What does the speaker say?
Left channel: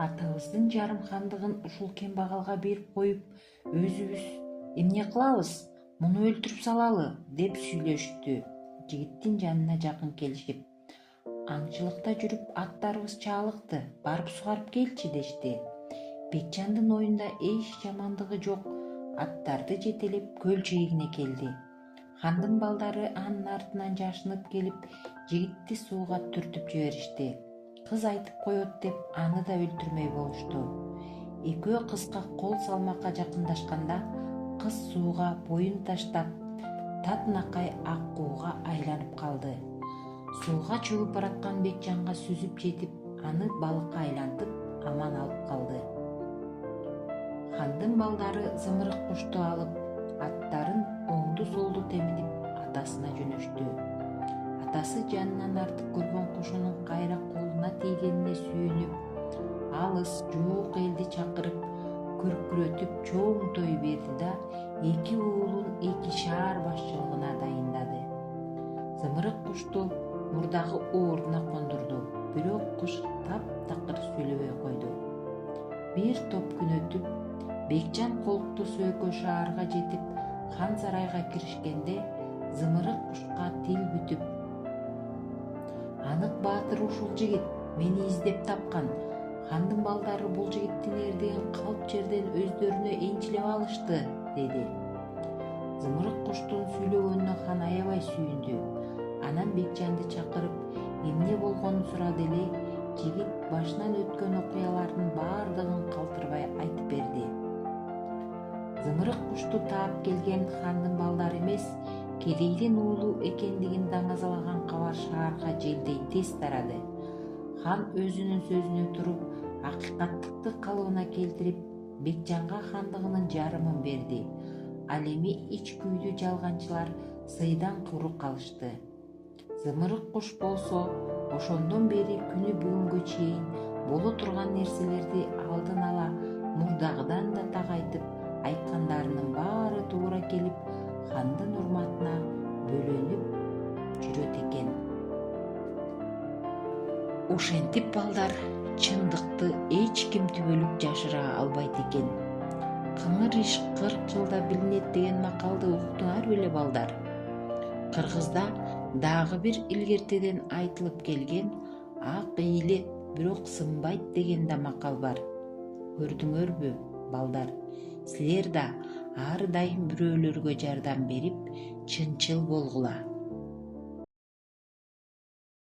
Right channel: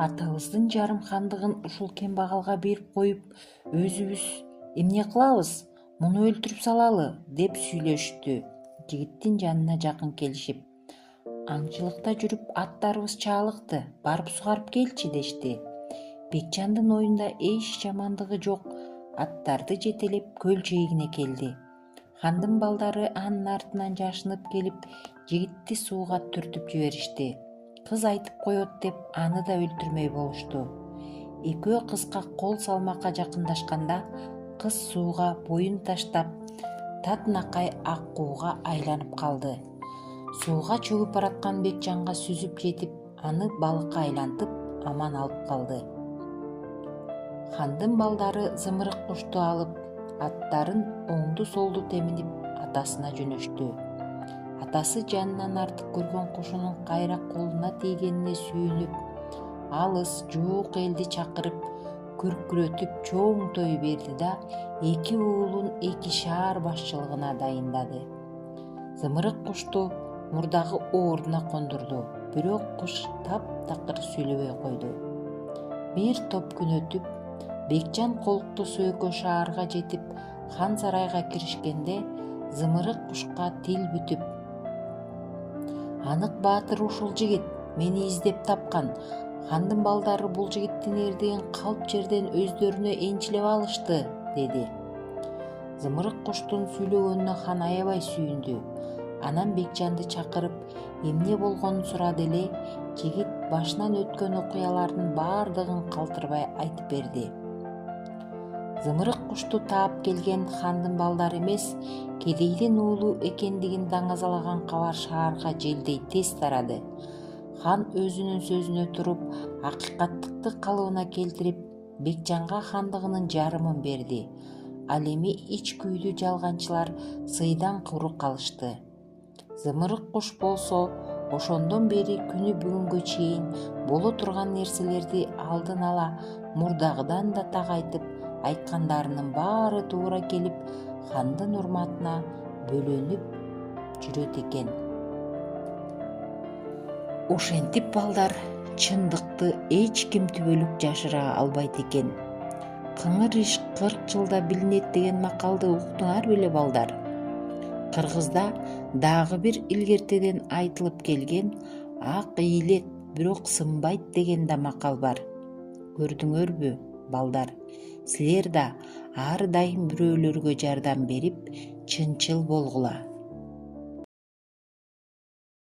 Атабыздын жарым хандыгын ушул кембагалга берип коюп, өзүбүз эмне кылабыз, муну өлтүрүп салалы деп сүйлөштү. Жигиттин жанына жакын келишип, аңчылыкта жүрүп аттарыбыз чаалыкты, барып сугарып келчи дешти. Бекжандын оюнда эч жамандыгы жок. Аттарды жетелеп көл жээгине келди. Хандын балдары анын артынан жашынып келип, жигитти сууга түртүп жиберишти. Кыз айтып коет деп аны да өлтүрмөй болушту. Экөө кызга кол салмакка жакындашканда, кыз сууга боюн таштап, татынакай ак кууга айланып калды. Сууга чөгүп бараткан Бекжанга сүзүп жетип, аны балыкка айлантып аман алып калды. Хандын балдары зымырык кушту алып, аттарын оңду солду теминип атасына жөнөштү. Атасы жанынан артык көргөн кушунун кайра колуна тийгенине сүйүнүп, алыс жуук элди чакырып, күркүрөтүп чоң той берди да, 2 уулун 2 шаар башчылыгына дайындады. Зымырык кушту мурдагы ордуна кондурду, бирок куш таптакыр сүйлөбөй койду. Бир топ күн өтүп, Бекжан колуктуу Сөөкө шаарга жетип, хан сарайга киришкенде, зымырык кушка тил бүтүп: "Анык баатыр ушул жигит, мени издеп тапкан. Хандын балдары бул жигиттин эрдигин калп жерден өздөрүнө энчилеп алышты", деди. Зымырык куштун сүйлөгөнүнө хан аябай сүйүндү. Анан Бекжанды чакырып, эмне болгонун сурады эле, жигит башынан өткөн окуялардын баардыгын калтырбай айтып берди. Зымырык кушту таап келген хандын балдары эмес, кедейдин уулу экендигин даңазалаган кабар шаарга желдей тез тарады. Хан өзүнүн сөзүнө туруп, акыйкаттыкты калыбына келтирип, Бекжанга хандыгынын жарымын берди. Ал эми ич күйдүү жалганчылар сыйдан куру калышты. Зымырык куш болсо, ошондон бери күнү бүгүнгө чейин боло турган нерселерди алдын ала мурдагыдан да тагайтып, айткандарынын баары туура келип, хандын урматына бөлөнүп жүрөт экен. Ошентип балдар, чындыкты эч ким түбөлүк жашыра албайт экен. Кыңыр иш 40 жылда билинет деген макалды уктуңар беле балдар? Кыргызда дагы бир илгертеден айтылып келген "ак ийилет, бирок сынбайт" деген да макал бар. Көрдүңөрбү, балдар? Силер да ар дайым бирөөлөргө жардам берип, чынчыл болгула.